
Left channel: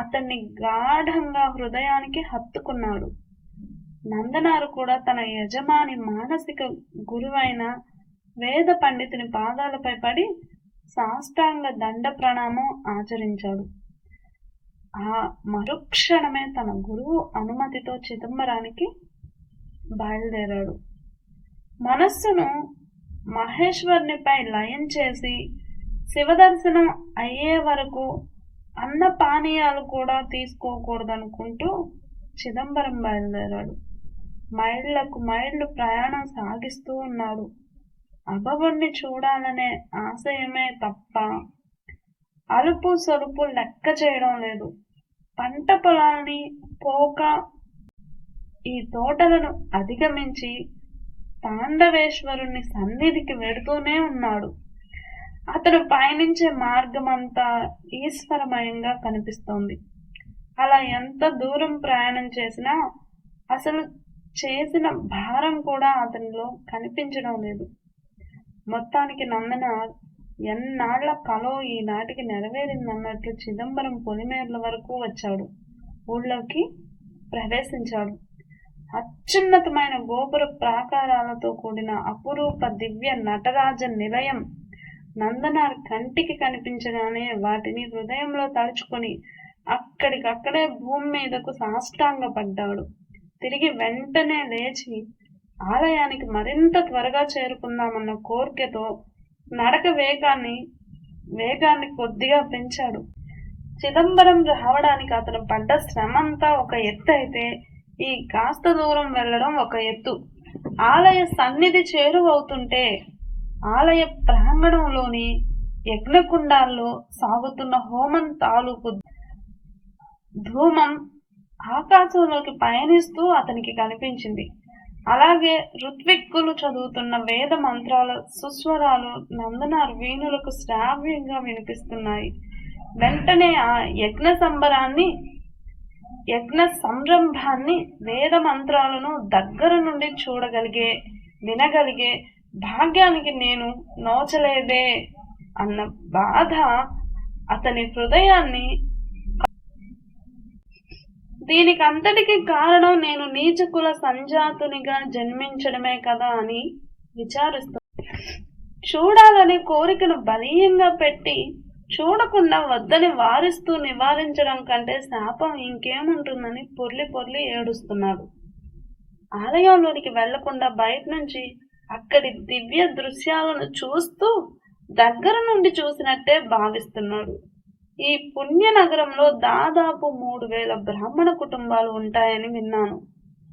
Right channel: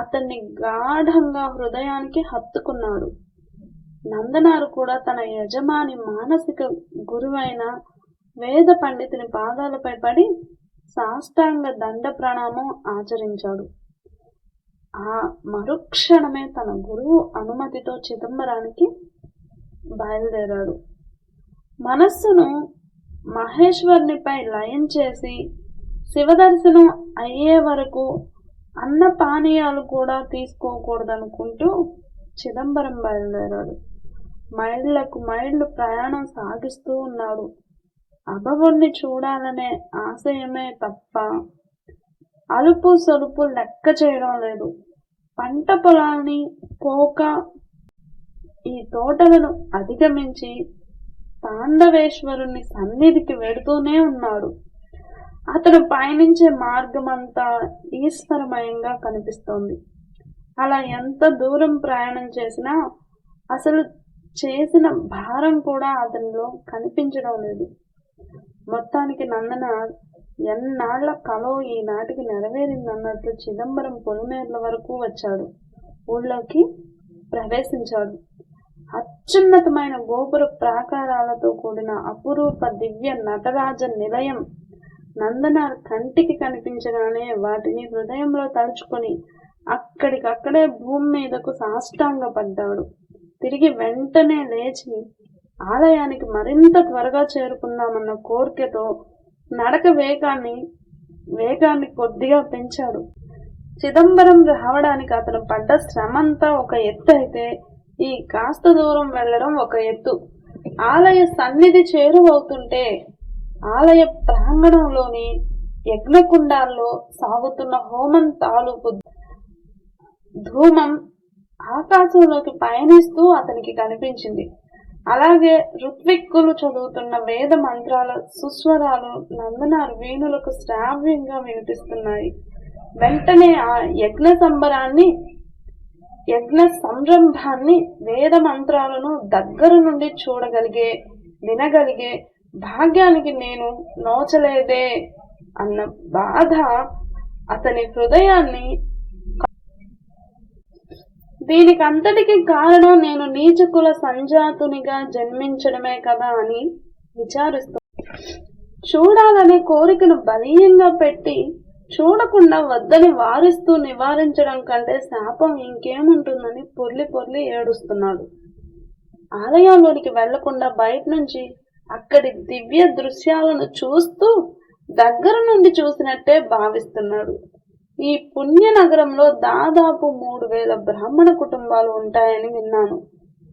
అతన్ని గాఢంగా హృదయానికి హత్తుకున్నాడు. నందనారు కూడా తన యజమాని మానసిక గురువైన వేద పండితుని పాదాలపై పడి సాష్టాంగ దండ ప్రణామం ఆచరించాడు. ఆ మరుక్షణమే తన గురువు అనుమతితో చిదంబరానికి బయలుదేరాడు. మనస్సును మహేశ్వరునిపై లయం చేసి శివదర్శనం అయ్యే వరకు అన్న పానీయాలు కూడా తీసుకోకూడదనుకుంటూ చిదంబరం బయలుదేరాడు. మైళ్ళకు మైళ్ళు ప్రయాణం సాగిస్తూ ఉన్నాడు. అభవుణ్ణి చూడాలనే ఆశయమే తప్ప అలుపు సొలుపు లెక్క చేయడం లేదు. పంట పొలాల్ని పోక ఈ తోటలను అధిగమించి తాండవేశ్వరుని సన్నిధికి వెడుతూనే ఉన్నాడు. అతను పయనించే మార్గమంతా ఈశ్వరమయంగా కనిపిస్తోంది. అలా ఎంత దూరం ప్రయాణం చేసినా అసలు చేసిన భారం కూడా అతనిలో కనిపించడం లేదు. మొత్తానికి నందనార్ ఎన్నాళ్ల కలో ఈనాటికి నెరవేరిందన్నట్లు చిదంబరం పొలిమేర్ల వరకు వచ్చాడు. ఊళ్ళోకి ప్రవేశించాడు. అత్యున్నతమైన గోపుర ప్రాకారాలతో కూడిన అపురూప దివ్య నటరాజ నిలయం నందనార్ కంటికి కనిపించగానే వాటిని హృదయంలో తలుచుకొని అక్కడికక్కడే భూమి మీదకు సాష్టాంగపడ్డాడు. తిరిగి వెంటనే లేచి ఆలయానికి మరింత త్వరగా చేరుకుందామన్న కోరికతో నడక వేగాన్ని కొద్దిగా పెంచాడు. చిదంబరం రావడానికి అతను పడ్డ శ్రమంతా ఒక ఎత్తు అయితే ఈ కాస్త దూరం వెళ్ళడం ఒక ఎత్తు. ఆలయ సన్నిధి చేరువవుతుంటే ఆలయ ప్రాంగణంలోని యజ్ఞకుండాల్లో సాగుతున్న హోమం తాలూకు ధూమం ఆకాశంలోకి పయనిస్తూ అతనికి కనిపించింది. అలాగే ఋత్విక్కులు చదువుతున్న వేద మంత్రాల సుస్వరాలు నందనార్ వీణులకు శ్రావ్యంగా వినిపిస్తున్నాయి. వెంటనే ఆ యజ్ఞ సంరంభాన్ని వేద మంత్రాలను దగ్గర నుండి వినగలిగే భాగ్యానికి నేను నోచలేదే అన్న బాధ అతని హృదయాన్ని. దీనికి అంతటికి కారణం నేను నీచకుల సంజాతునిగా జన్మించడమే కదా అని విచారిస్తూ చూడాలనే కోరికను బలీయంగా పెట్టి చూడకుండా వద్దని వారిస్తూ నివారించడం కంటే శాపం ఇంకేముంటుందని పొర్లి ఏడుస్తున్నాడు. ఆలయంలోనికి వెళ్లకుండా బయట నుంచి అక్కడి దివ్య దృశ్యాలను చూస్తూ దగ్గర నుండి చూసినట్టే భావిస్తున్నాడు. ఈ పుణ్య నగరంలో దాదాపు 3000 బ్రాహ్మణ కుటుంబాలు ఉంటాయని విన్నాను.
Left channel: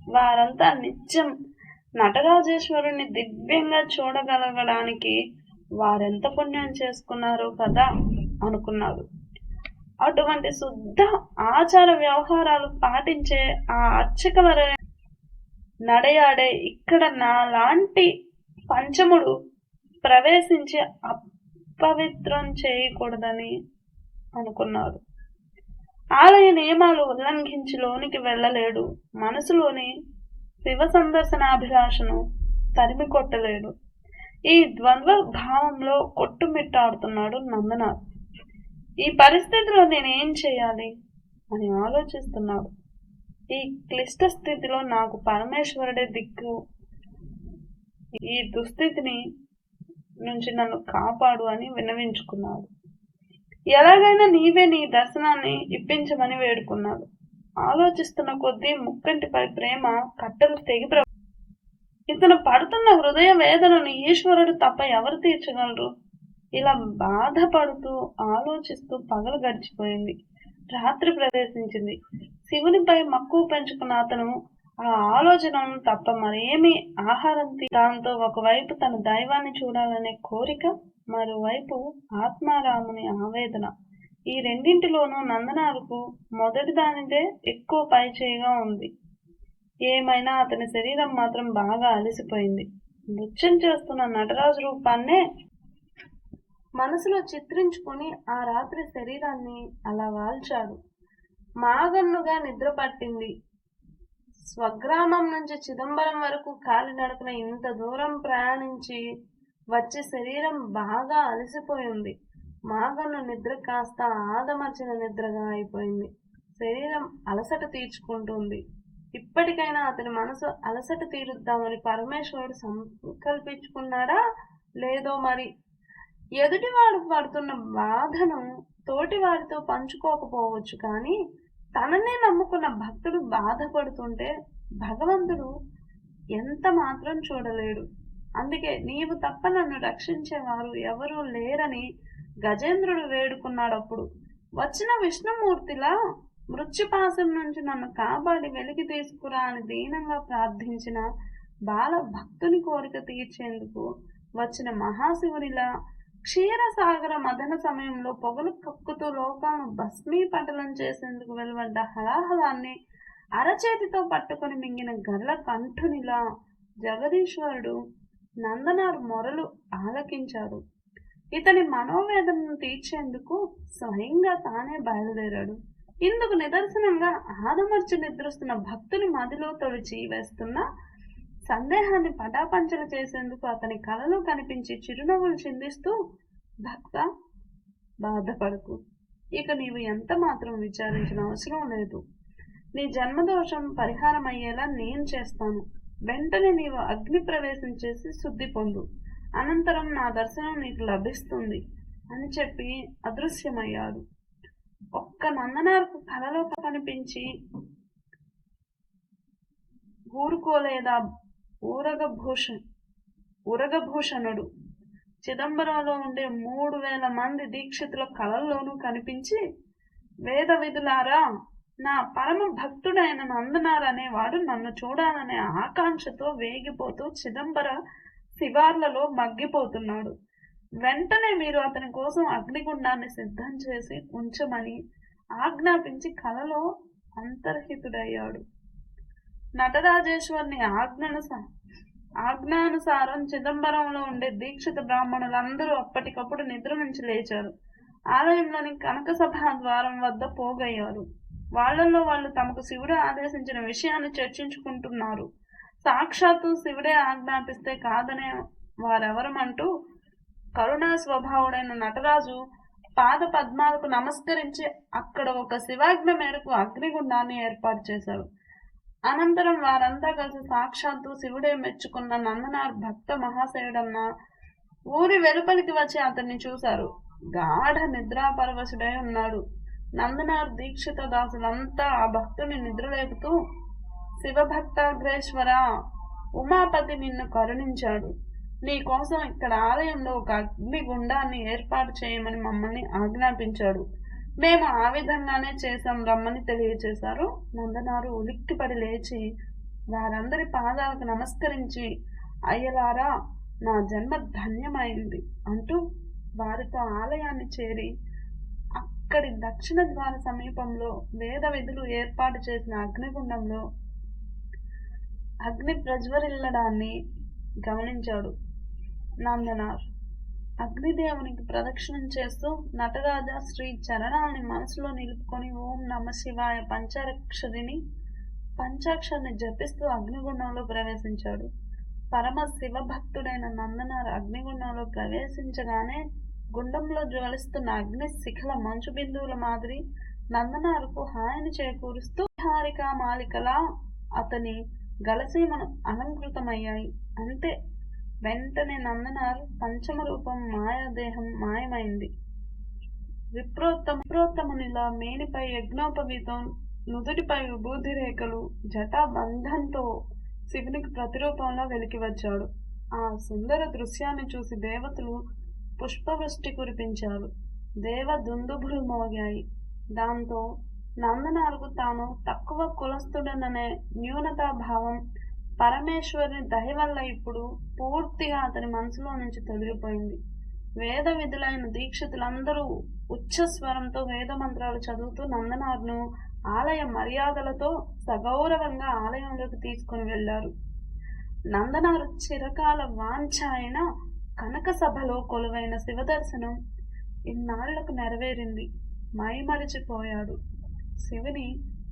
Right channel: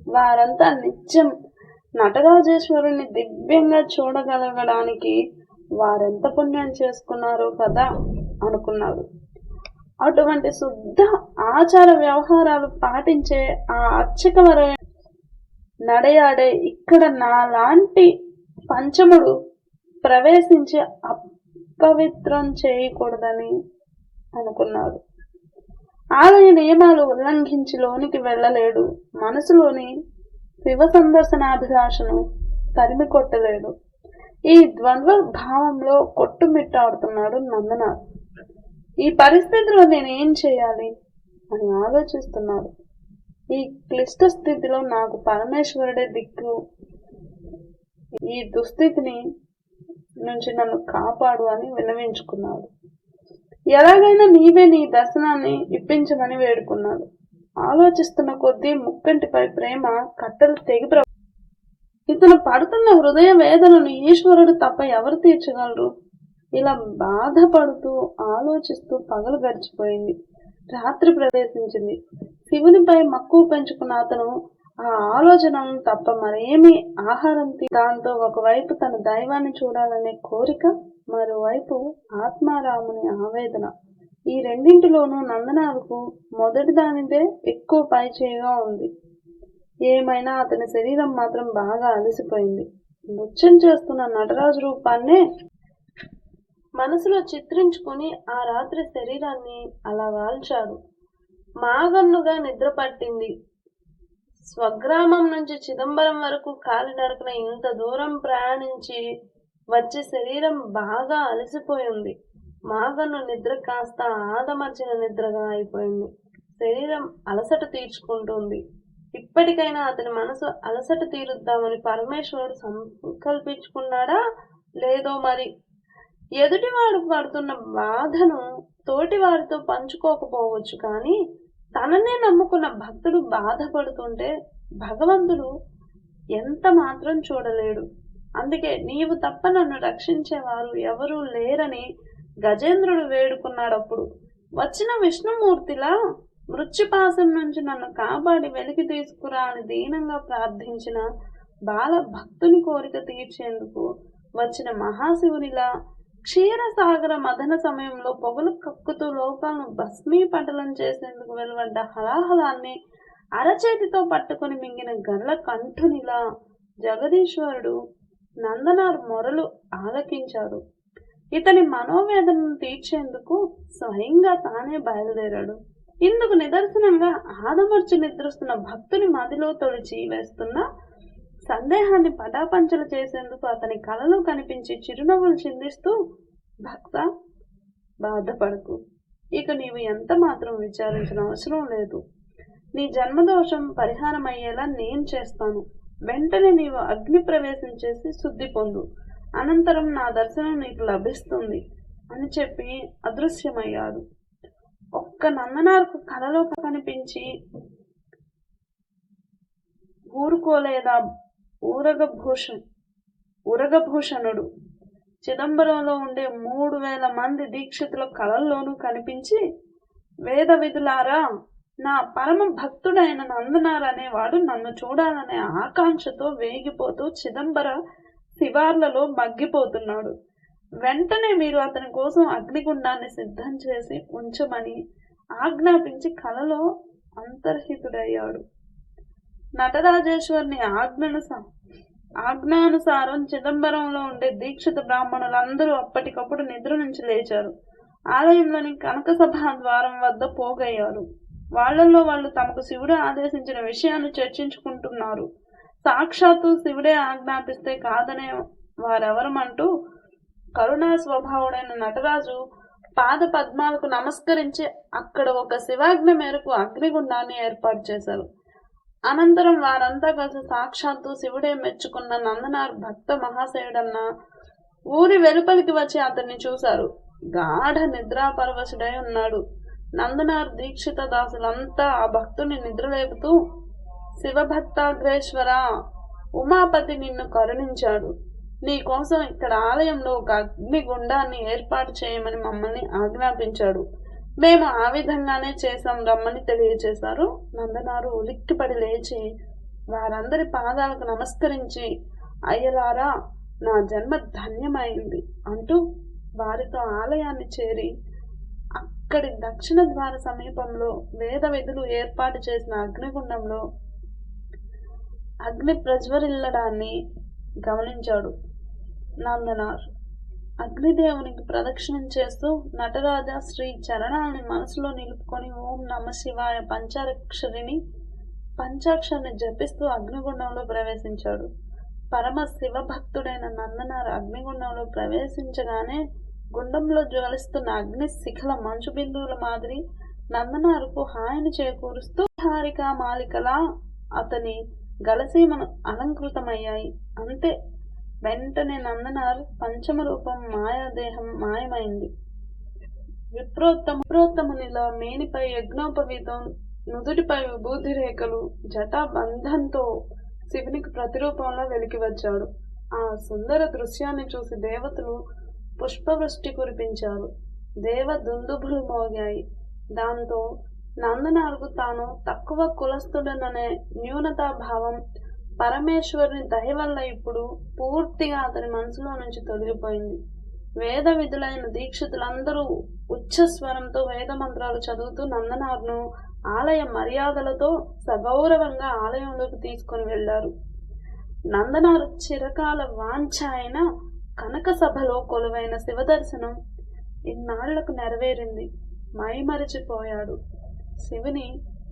వారంతా నిత్యం నటరాజేశ్వరుని దివ్యంగా చూడగలగడానికి వారెంత పుణ్యం చేసుకున్నారో కదా అనుకున్నాడు. అటువంటి శుద్ధ ఆచార వ్యవహారాలు పాటించే ఆ అర్చకవర నడయాడే ఇక్కడ నాలాంటి పంచముడు ప్రవేశించి అపవిత్రం చేయకూడదని అనుకున్నాడు. ఆలయ నియమాలు ఉల్లంఘించి లోనికి వెళ్ళలేడు. మనసులోని శివ సందర్శనాభిలాషను తరిమి కొట్టలేడు. ఈ ద్వంద్వ భావంలో కొట్టుమిట్టాడుతున్నాడు నందనార్. ఈ పరిస్థితిలో నేనేం చేయాలి అని ఆలోచిస్తున్నాడు. ఈ క్లిష్ట స్థితిలో నాకు పరమేశ్వరుడే దిక్కు. ఈ దుస్థితిని నుంచి నన్ను కాపాడు అని విన్నవించుకున్నాడు. ఎలాగైనా నీవే నీ దర్శనాన్ని ఇప్పించమని వేడుకున్నాడు. ఆలోచిస్తున్న కొద్దీ ముక్కంటిపై ప్రేమ కట్టలు తెగి ఇతను పడుతున్న హృదయ వేదనను ఈశ్వరుడు తప్ప ఎవరు తీర్చగలరు? ఇలా బాధపడుతూ ఆలోచిస్తూ పగలు గడిచిపోయింది. రాత్రి ప్రవేశించింది. శివునిపై మక్కువ పెంచుకున్న అతను ఆ ఆలోచనను తప్ప మరేమీ ఆహారం దాంతో ఒకవైపు తన దైవాన్ని చూడాలనే కోరిక, మరోవైపు ఆత్మారాముని ఆవేదన. ఈ రెండింటిలోనూ నందనార్కు మొదటి దానిదే ఎక్కువ పైచేయిగా ఉంది. ఏమైనా అతని శరీరం మాత్రం బాగా అలసిపోయింది. నృత్యం చేస్తున్న నటరాజు రూపాన్నే మనసులో చిత్రించుకుని ఆ రాత్రి శరీరాన్ని అలా వాల్చాడు. మాగన్నుగా నిద్ర పట్టింది. స్వగ్రామం నుంచి చిదంబరం వరకు కాలినడకన ఇంత దూరం ప్రయాణించి వచ్చే శరీరం బాగా అలసిపోయింది. మాగన్ను నిద్ర కాస్త ఆదమర్చిన నిద్రగా అయిపోయింది. శరీరం అలసట తీర్చుకుంటుంది. ఇప్పటికైనా అతని మనసు అలసట తీరుద్దామని పరమేశ్వరుడు సంకల్పించుకున్నాడా లేదో మరి. ఎదుటివాడు పడుతున్న బాధను తోటి వారితో పంచుకోకపోవచ్చు, కానీ తననే నమ్ముకున్న భక్తుడు బాధపడుతుంటే భగవంతుడు ఎంత మాత్రం చూడలేడు. అందుకే నీవు తప్ప నన్ను రక్షించేవారు ఎవరూ లేరని గజేంద్రుడు వేడుకున్నాడప్పుడు. వచ్చిన విష్ణుమూర్తిలా మృత్యుపాశం నుంచి నన్ను కాపాడి వెలికి తీసుకురా అని దీనంగా ప్రార్థించిన బాల భక్తుని కోరిక తీర్చేందుకు వచ్చిన మహాశివునిలా క్షీరసాగర మదన సమయంలో పొగలు కక్కుతూ లోకాలను భస్మీపటలం చేసేందుకు వెలువడ్డ హలాహలాన్ని అరచేతితో పట్టుకొని మింగిన గర్ల కంఠునిలా జగదీశ్వరుడు నందనార్ మొరలు ఆలకించాడు. ఇతని మనోవేదనను తీర్చేందుకు స్వయంగా తానే బయలుదేరాడు. ఇందుకు నిదర్శనంగా ఆదమర్చి నిద్రిస్తున్న భక్తుని మదిలో తొలిచి వేస్తున్న సందేహాన్ని పటాపంచలు చేసేందుకు అతని కలలో కనిపించి చిరునవ్వులు చిందిస్తూ, భక్త, బాధపడకు, ఇక నీవు ఎంత మాత్రం విచారించిన అవసరం లేదు. నీ జన్మదోషం పరిహారం అయ్యేలా నేను చేస్తాను. వెంటనే నీవు అగ్ని ప్రవేశం చేసి శుద్ధి పొందు. అనంతరం నా దర్శనం నీకు లభిస్తుంది అని చెప్పి అదృశ్యమయ్యాడు. ఒక్క నందనార్కు కలలో కనిపించి ఊరుకోలేదా ఉరగభూషణుడు చిదంబరంలో ఉండే 3000 మంది దీక్షితుల కళల్లోనూ కనిపించి, వేద విధులారా, నా పరమ భక్తుడైన నందనార్ అనేవాడు నన్ను చూడాలనే ఆకాంక్షతో వేగిపోతూ చిదంబర శివార్లలో మగ్గిపోతున్నాడు. వెంటనే మీరు అతని కోసం అగ్నిగుండాన్ని సిద్ధం చేసి ఉంచమని ఆజ్ఞాపించి కలలో అంతర్హితుడయ్యాడు. నటరాజేశ్వరుని ఆజ్ఞానుసారం చిదంబరంలో ఉండే దీక్షిత బ్రాహ్మణులందరూ అప్పటికప్పుడు నిద్ర నుంచి లేచారు. ఆలయంలోని కనక సభా ద్వారం వద్ద పోగయ్యారు. వాళ్లలో వాళ్ళు తమకు శివుడు ఆదేశించిన విషయాన్ని చర్చించుకుంటున్నారు. సాక్షాత్తు శివుడే ఆజ్ఞాపిస్తే కాదనే వారెవరమంటూ కరుణా స్వభావుడైన నటరాజు పాద పద్మాలకు నమస్కరించి అక్కడ ఒక శివాజ్ఞ మేరకు అగ్నిగుండాన్ని ఏర్పాటు చేశారు. అనంతరం వారంతా కలిసి సాక్షాత్తు శివుడే మెచ్చుకున్న నందనార్ భక్త మహాశయుడన్న ఊరి వెలుపలికి వచ్చి అతన్ని చూశారు. గాఢ నిద్రాపరవశుడై ఉన్నాడు. నందనార్ దీక్షిత దాసులంతా ఆ భక్తుని నిద్రలేపుతూ, శివభక్తాగ్రేశ్వర, ఉమాపతి నిన్ను కరుణించాడు. నీ కోసం ఇక్కడ ఆలయంలో ఒక అగ్నిగుండాన్ని ఏర్పాటు చేయమని మమ్మల్ని ఆజ్ఞాపించాడు. మేము ఆ విధంగానే చేశాం, రమ్మని తెలియచేశారు. నందనారు ఉలిక్కిపడి లేచి వారందరి పాదాలకు నమస్కరించి, అయ్యలారా, నా జన్మ ధన్యమైంది అంటూ వారితో ఆలయాన్ని చేరి అక్కడి దక్షిణ ద్వార సమీపంలో వేద విధులు ఏర్పాటు చేసిన అగ్నిగుండంలో అగ్ని ప్రజ్వరిల్లడాన్ని గమనించాడు. నందనార్ అగ్నిదేవునికి ప్రదక్షిణం చేస్తూ నటరాజ శ్రీ చరణాన్ని మనసులో నిలుపుకొని ఓం నమ శివాయ పంచాక్షరిని జపిస్తూ అగ్నిగుండంలో ప్రవేశించాడు. పరమ శివభక్తుడైన నందనార్ అగ్నిగుండంలో ప్రవేశించగానే గుండంలో జ్వలిస్తున్న అగ్ని శిఖల మంచు బిందువుల మాదిరి నందనారుకు హాయిని చేకూరుస్తూ హారిక మాలికలా అతని గలసీమను అలంకృతమయ్యాయి. అంతే, వెంటనే నందనార్ పంచమ రూపం మాయాదేహం మాయమైంది. విప్రోత్తమునిలా మేనిపై యజ్ఞోపవీతం, నుదుటిపై విభూతి రేఖలు, జటా బంధంతో శివునికి ప్రతిరూపంలో వెలికి వచ్చాడు. ఆ సుందర దృశ్యాన్ని చూసి దేవతలు పుష్పవృష్టి కురిపించారు. దేవ దుందుభులు మోగాయి. దాంతో నందనార్కు తాను తక్కువ కులస్థుడననే న్యూనతాభావం పరమేశ్వరుని దయ వల్ల ఇప్పుడు పూర్తిగా అతని మనసులో నుంచి తొలగిపోయింది. వేద విధులైన దీక్షితులందరూ ఉచ్చస్వరంతో వేద మంత్రాలు చదువుతూ నందనార్ను ఆలయ మర్యాదలతో సగౌరవంగా ఆలయంలోకి తీసుకుని వెళ్లారు. నందనారు చిరకాల వాంఛ అయిన కనక సభలో కొలువైన శివదర్శనం ఇన్నాళ్లకు నెరవేరింది. మైమరిచిపోయాడు. శివుని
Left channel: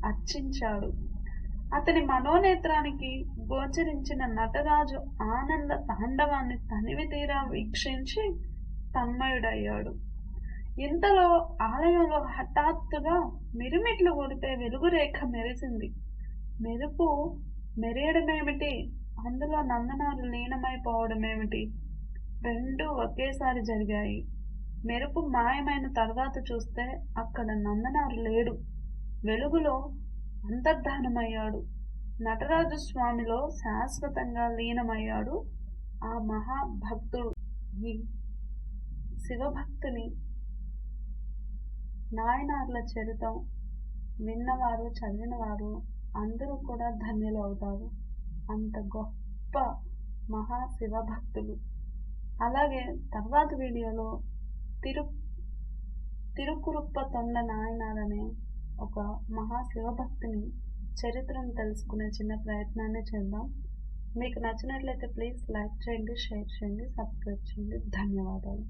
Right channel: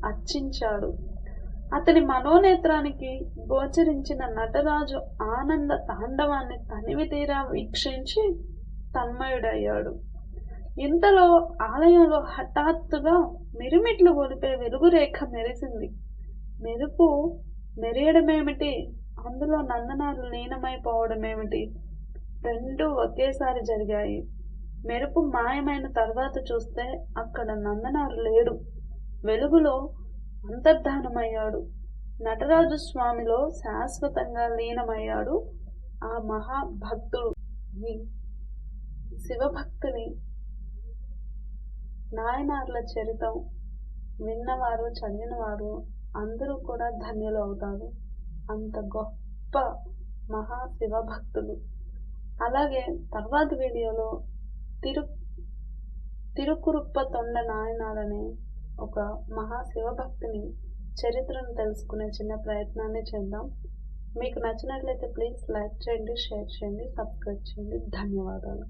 అర్చించాడు. అతని మనోనేత్రానికి గోచరించిన నటరాజు ఆనంద తాండవాన్ని తనివి తీరా వీక్షించి తన్మయుడయ్యాడు. ఇంతలో ఆలయంలో హఠాత్తుగా మిరుమిట్లు గొలిపే వెలుగురేఖ మెరిసింది. మెరుపు మెరియడమేమిటి, అందులో నందనారు లీనమైపోవడమేమిటి, రెండూ ఒకేసారి జరిగాయి. మెరుపు మాయమైన తర్వాత చూస్తే అక్కడ నందనారు లేడు. వెలుగులో అంతర్ధానమయ్యాడు. నటరాజు స్వామిలో శాశ్వతంగా లీనమయ్యాడు ఆ మహాభక్తుడు. ఈ శివభక్తుని నాయనార్ల చరితం విన్నవారు, చదివినవారు అందరూ కూడా ధన్యులు అవుతారు. అంత గొప్ప మహాశివభక్తులు. అలాగే తర్వాత వీడియోలో తిరుకురుప్ప తొండ నాయనార్ అనే ఒక మహాశివభక్తిని చరిత్రను తెలుసుకునే చిన్న ప్రయత్నాన్ని చేద్దాం. మీకు నచ్చినట్లయితే ప్లీజ్ లైక్ చేయండి, షేర్ చేయండి, సబ్స్క్రైబ్ చేయండి. ధన్యవాదాలు.